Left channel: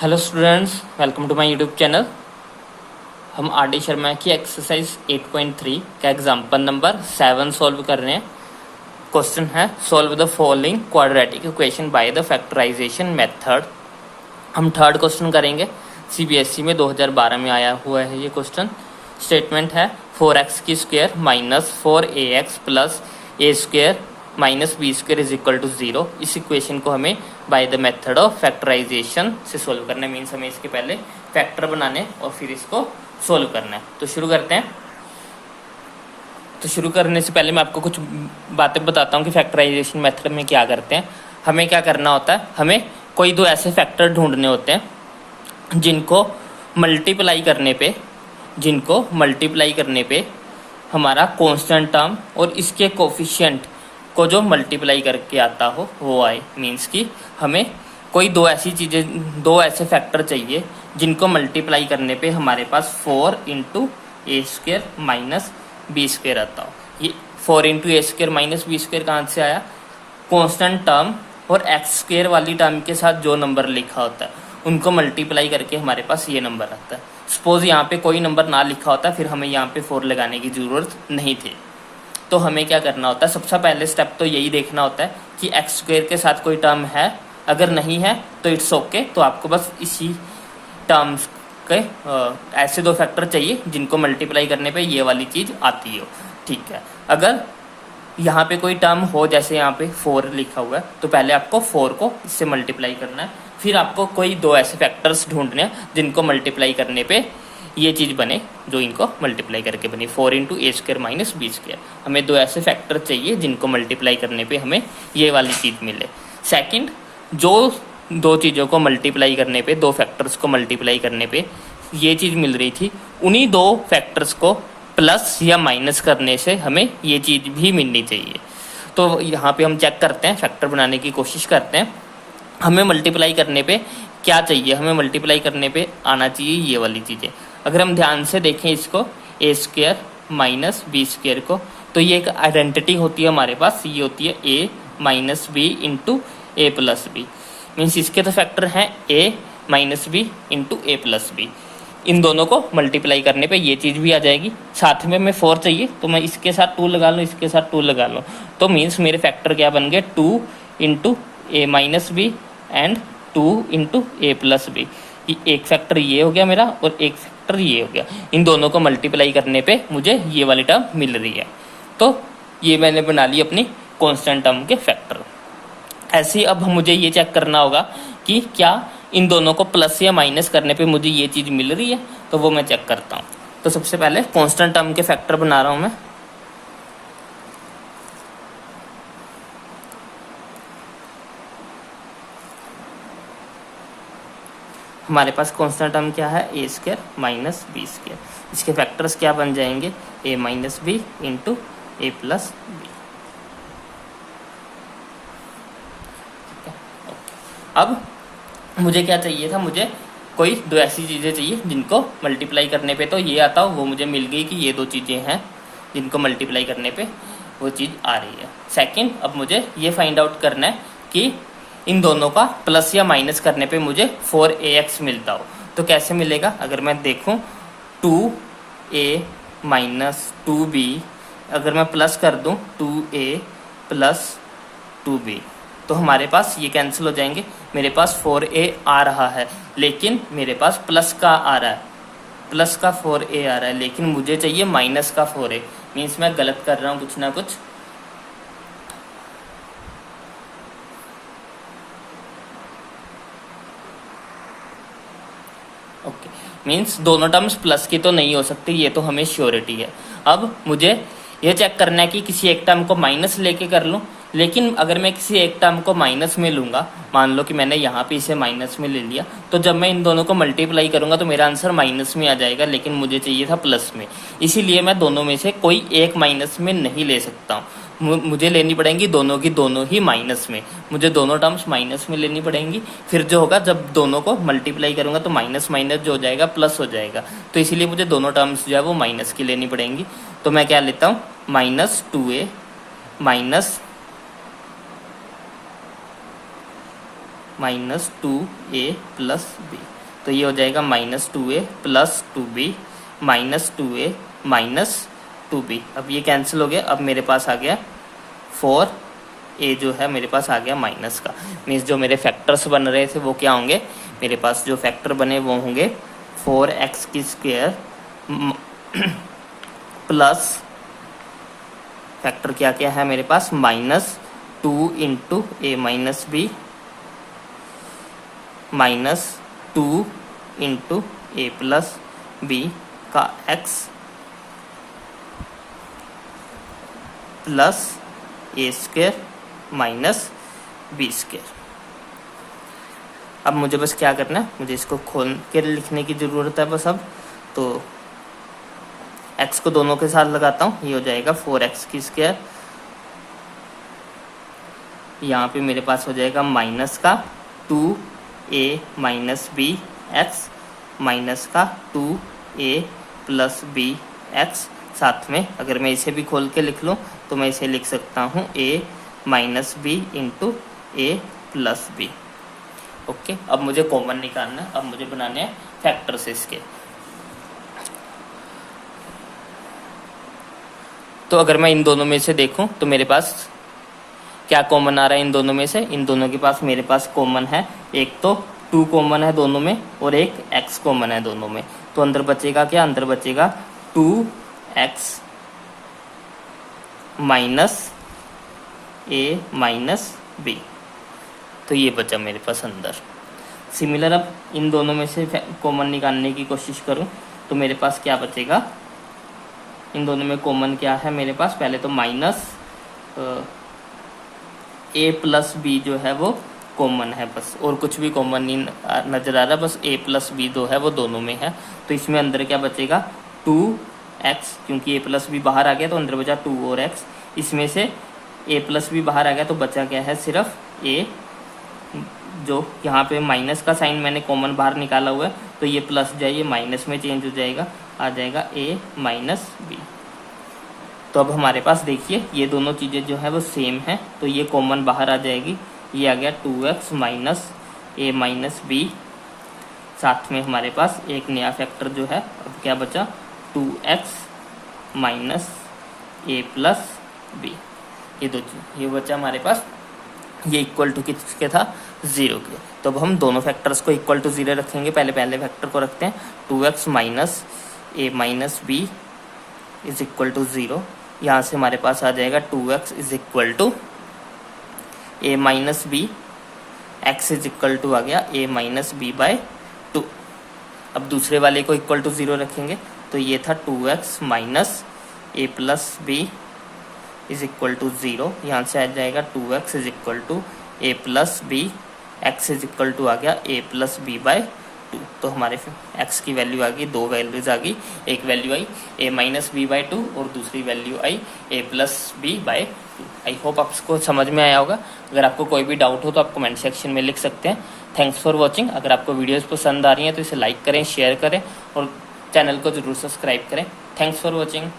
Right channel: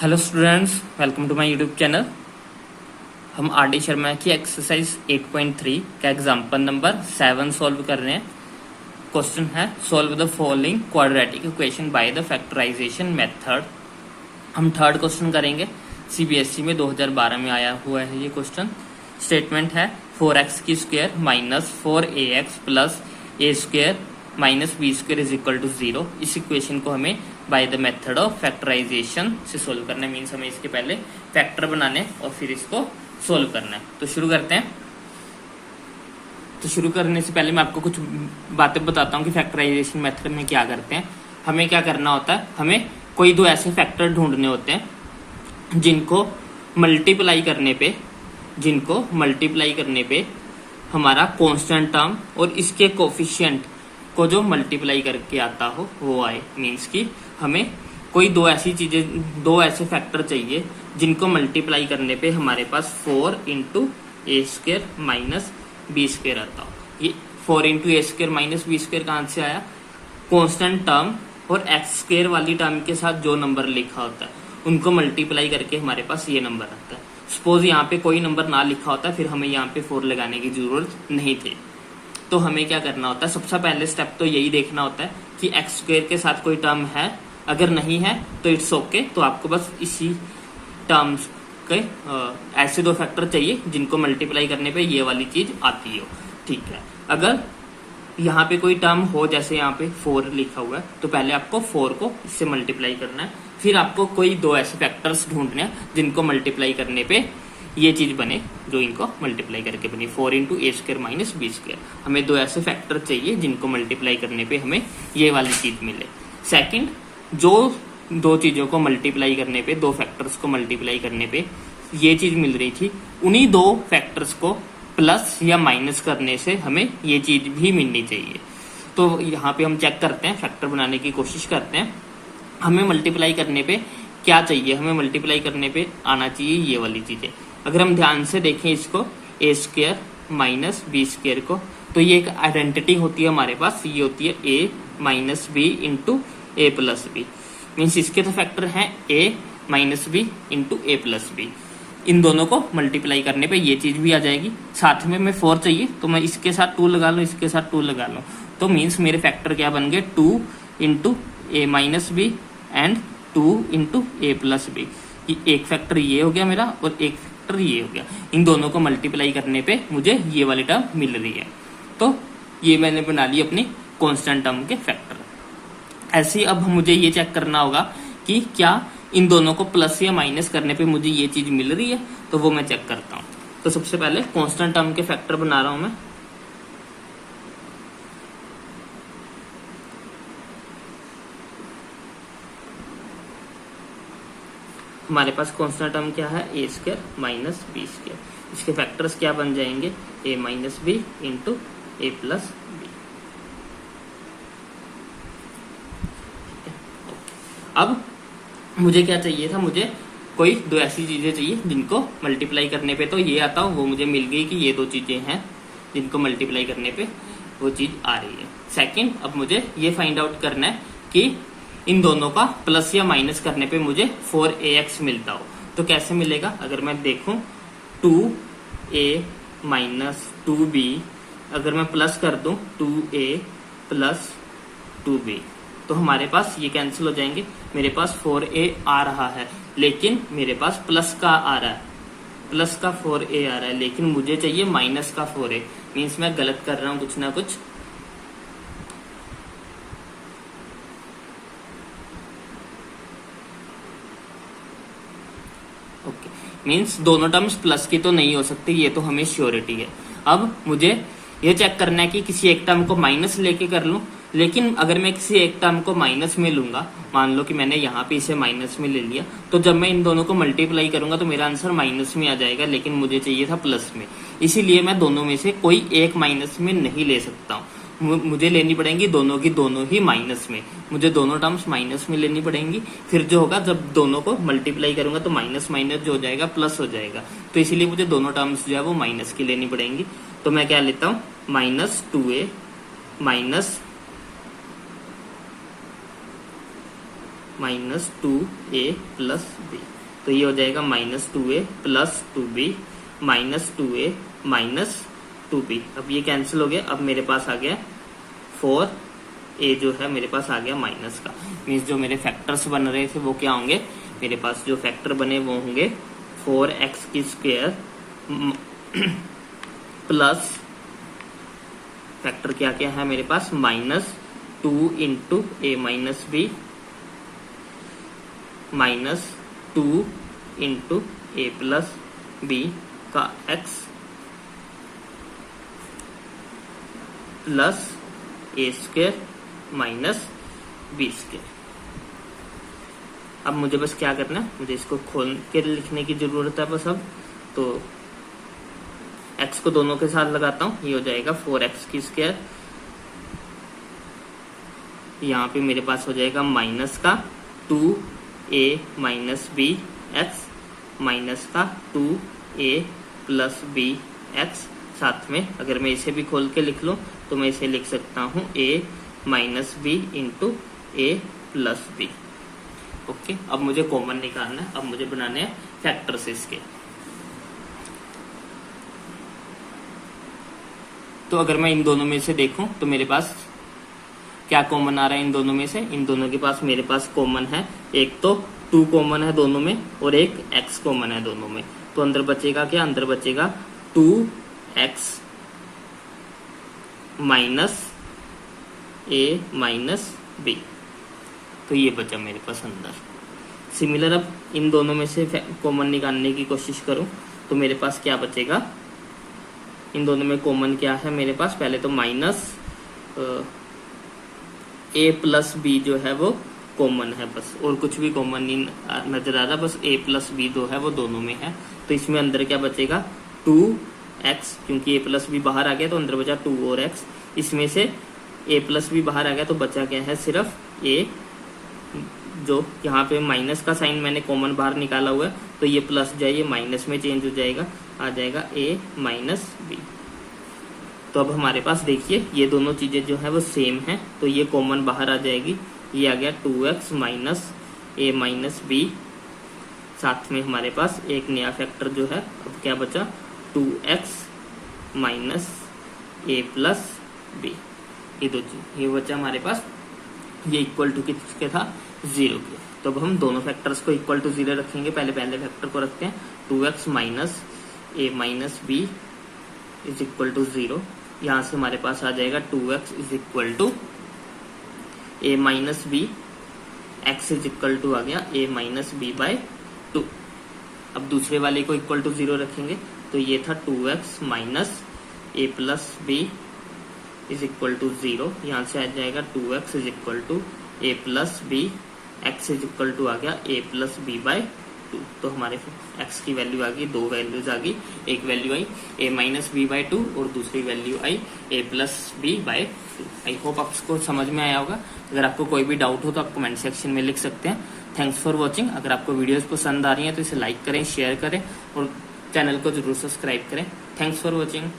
Hello students, welcome to my YouTube channel. हम R D Sharma की exercise 8.3 का example number 7 solve कर रहे हैं। क्वेश्चन है solve the following quadratic equation by the factorisation method. हम थर्ड क्वेश्चन करेंगे। सीबीएसई में 2012 में आया हुआ है ये क्वेश्चन। स्टेटमेंट है 4x की square minus 4ax plus A square minus B square is equal to 0। इस इक्वेशन को हमें by the method of factorisation से सोल्व करना है। मीन्स हमें इसके पहले फैक्टर बनाने और फिर इसको सोल्व करना है। तो शुरू करते हैं। तो शुरू करने से पहले मैं आपको कुछ बातें बताता हूँ कि फैक्टराइजेशन मेथड में क्या करते हैं। हमें क्या करना होता है, हमें कोई दो ऐसे फैक्टर ढूंढने होते हैं जिनको मल्टीप्लाई करने पे हमारा कांस्टेंट टर्म और इसके कोफिशिएंट को जो मल्टीप्लाई करके आता हो वो आए। मीन्स कि हमें कोई दो ऐसे फैक्टर चाहिए जिनको मल्टीप्लाई करने पे हमारे पास 4 इंटू ए स्क्र माइनस बी स्क्र आता हो। ये 4 इंटू ए स्क्र माइनस बी स्क्र कहाँ से आया? कांस्टेंट टर्म और एक्स स्क्र वाली टर्म के साथ जो नंबर लिखा होता है उनको मल्टीप्लाई करके हमारे पास ये नंबर आता है। सपोज यहाँ पे कोई नंबर ना लिखा होता फिर हमें यहाँ पे 4 लगाने की जरूरत नहीं थी। तो हमें क्या करना होता है, सबसे पहले स्टेप तो यही देखना होता है कि एक्स स्क्वायर के साथ कोई टर्म है। अगर नहीं है तो इट्स ओके। तो आपको बस इसी टर्म्स के ऐसे दो फैक्टर चाहिए जिनको मल्टीप्लाई करने पे ये वाली चीज आती हो। ठीक है, अगर यहाँ पे कोई टर्म हो, जैसे यहाँ पे 4 लिखा हुआ है, तो पहले आपको 4 को इससे मल्टीप्लाई करना है। फिर आपको कोई दो ऐसे फैक्टर्स ढूंढने हैं जिनको मल्टीप्लाई करने पे ये चीज बने, जो इनको मल्टीप्लाई करके बनी 4 इंटू ए स्क्र माइनस बी स्क्र। हमें दो ऐसे फैक्टर चाहिए जिनको मल्टीप्लाई करने पे हमें ये वाली चीज मिले। सेकंड, जो दो चीजों को मल्टीप्लाई करने पे, दो फैक्टर्स को मल्टीप्लाई करने पे ये चीज मिल रही थी, उन्हीं दो फैक्टर्स को प्लस या माइनस करने से हमें ये चीज भी मिलनी चाहिए। तो यहाँ पे हम चेक करते हैं, फैक्टर बनाने की कोशिश करते हैं। हमें मल्टीप्लाई करने पे क्या चाहिए? हमें मल्टीप्लाई करने पे आना चाहिए ये वाली चीजें। अगर हम ध्यान से देखें इसको, ए स्क्र माइनस बी स्क्र को, तो ये एक आइडेंटिटी होती है हमारे पास। ये होती है ए minus B into A plus B. Means इसके तो फैक्टर हैं ए minus B into A plus B. इन दोनों को मल्टीप्लाई करने पे ये चीज भी आ जाएगी। साथ में मैं 4 चाहिए तो मैं इसके साथ 2 लगा लूँ, इसके साथ 2 लगा लूँ, तो मीन्स मेरे फैक्टर क्या बन गए? 2 into A minus B and 2 into A plus B. एक फैक्टर ये हो गया मेरा और एक फैक्टर ये हो गया। इन दोनों को मल्टीप्लाई करने पे मुझे ये वाली टर्म मिल रही है। तो ये मैंने बना ली अपनी कांस्टेंट टर्म के फैक्टर। ऐसे ही अब मुझे ये चेक करना होगा कि क्या इन दोनों को प्लस या माइनस करने पे मुझे ये चीज मिल रही है। तो वो मैं चेक करता हूँ। तो सबसे पहले कांस्टेंट टर्म के फैक्टर बना रहा हूं मैं। हमारे पास कांस्टेंट टर्म क्या है? ए स्क्र माइनस बी स्क्र। इसके फैक्टर्स क्या बन जाएंगे? ए minus B into A plus B. अब मुझे क्या चाहिए था? मुझे कोई दो ऐसी चीजें चाहिए जिनको मल्टीप्लाई करने पे तो ये आता हो। वो मुझे मिल गई कि ये दो चीजें हैं जिनको मल्टीप्लाई करने पे वो चीज आ रही है। सेकंड, अब मुझे ये फाइंड आउट करना है कि इन दोनों का प्लस या माइनस करने पे मुझे 4ax मिलता हो। तो कैसे मिलेगा? अगर मैं देखूं 2a माइनस 2b, अगर मैं प्लस कर दूं 2a प्लस 2b, तो हमारे पास ये कैंसिल हो जाएंगे। मेरे पास 4a आ रहा है लेकिन मेरे पास प्लस का आ रहा है, प्लस का 4a आ रहा है, लेकिन मुझे चाहिए माइनस का 4a। मीन्स मैं गलत कर रहा हूं कुछ ना कुछ। ओके, मीन्स दोनों टर्म्स प्लस की तो नहीं हो सकती, ये तो हमें श्योरिटी है। अब मुझे ये चेक करना है कि किसी एक टर्म को माइनस लेके कर लूं। लेकिन अगर मैं किसी एक टर्म को माइनस में लूंगा, मान लो कि मैंने यहाँ पे इसे माइनस में ले लिया, तो जब मैं इन दोनों को मल्टीप्लाई करूंगा तो मेरा आंसर माइनस में आ जाएगा, लेकिन मुझे चाहिए था प्लस में। इसीलिए मैं दोनों में से कोई एक माइनस में नहीं ले सकता हूँ। मुझे लेनी पड़ेंगी दोनों की दोनों ही माइनस में। मुझे दोनों टर्म्स माइनस में लेनी पड़ेंगी। फिर जो होगा, जब दोनों को मल्टीप्लाई करूंगा तो माइनस माइनस जो हो जाएगा प्लस हो जाएगा। तो इसीलिए मुझे दोनों टर्म्स जो है वो माइनस की लेनी पड़ेंगी। तो मैं क्या लेता हूँ? Minus 2a minus minus 2a plus B. तो ये हो जाएगा minus 2a plus 2b minus 2a minus 2b। अब ये कैंसिल हो गया। अब मेरे पास आ गया 4a जो है मेरे पास आ गया माइनस का। मीन्स जो मेरे फैक्टर्स बन रहे थे वो क्या होंगे, मेरे पास जो फैक्टर बने वो होंगे 4x की स्क्वायर प्लस फैक्टर क्या क्या है मेरे पास minus 2 into A minus B minus 2 into A plus B का x plus A square minus B square. अब मुझे बस क्या करना है, मुझे इसको खोल के लिखने की ज़रूरत है बस। अब तो x को दोनों के साथ लगाता हूँ, ये हो जाएगा 4x की स्क्वायर। यहाँ पे मेरे पास हो जाएगा माइनस का 2a minus B x minus का 2a प्लस बी एक्स। साथ में अगर मैं इसे भी खोल के लिख लूँ तो मैं इसे लिख सकता हूँ a minus B into A plus B. Okay, अब मुझे कॉमन निकालना है। अब मुझे बनाने हैं फैक्टर्स इसके। तो अगर मैं इन दोनों में से देखूं तो मेरे पास क्या कॉमन आ रहा है इन दोनों में से। इन दोनों के पास मेरे पास कॉमन है, एक तो 2 कॉमन है दोनों में और एक x कॉमन है दोनों में। तो अंदर बचेगा क्या, अंदर बचेगा 2x minus a minus b। तो ये बचा मेरे पास अंदर। सिमिलर अब इन दोनों में से कॉमन निकालने की कोशिश करूं तो मेरे पास क्या बचेगा, इन दोनों में कॉमन क्या है मेरे पास। पहले तो माइनस a प्लस बी जो है वो कॉमन है बस, और कुछ भी कॉमन नहीं नजर आ रहा, बस a प्लस बी जो है वो दोनों में है। तो इसमें अंदर क्या बचेगा 2x, क्योंकि a प्लस बी बाहर आ गया तो अंदर बचा 2 और x। इसमें से a प्लस बी बाहर आ गया तो बचा क्या है सिर्फ a, जो यहाँ पे माइनस का साइन मैंने कॉमन बाहर निकाला हुआ है तो ये प्लस जाइए माइनस में चेंज हो जाएगा, आ जाएगा a माइनस बी। तो अब हमारे पास देखिए ये दोनों चीज़ें जो है वो सेम है, तो ये कॉमन बाहर आ जाएगी। ये आ गया 2x minus a minus B. साथ में हमारे पास एक नया फैक्टर जो है, अब क्या बचा 2x minus a plus B. ये दो चीज ये बचा हमारे पास। ये इक्वल टू किसके था, 0 के। तो अब हम दोनों फैक्टर्स को इक्वल टू 0 रखेंगे। पहले फैक्टर को रखते हैं 2x minus a minus B is equal to 0। यहाँ से हमारे पास आ जाएगा 2x is equal to a minus B, x is equal to आ गया a माइनस बी बाय 2। अब दूसरे वाले को इक्वल टू 0 रखेंगे तो ये था 2x minus a plus B is equal to 0। यहाँ से आ जाएगा 2x is equal to a plus B, x is equal to आ गया a प्लस बी बाय 2। तो हमारे x की वैल्यू आ गई, दो वैल्यूज आ गई। एक वैल्यू आई a माइनस बी बाई 2 और दूसरी वैल्यू आई a plus B by 2। I hope आपको समझ में आया होगा। अगर आपको कोई भी डाउट हो तो आप कमेंट सेक्शन में लिख सकते हैं। Thanks for watching. अगर आपको वीडियोज़ पसंद आ रही हैं तो इसे लाइक करें, शेयर करें और चैनल को जरूर सब्सक्राइब करें। Thanks for watching.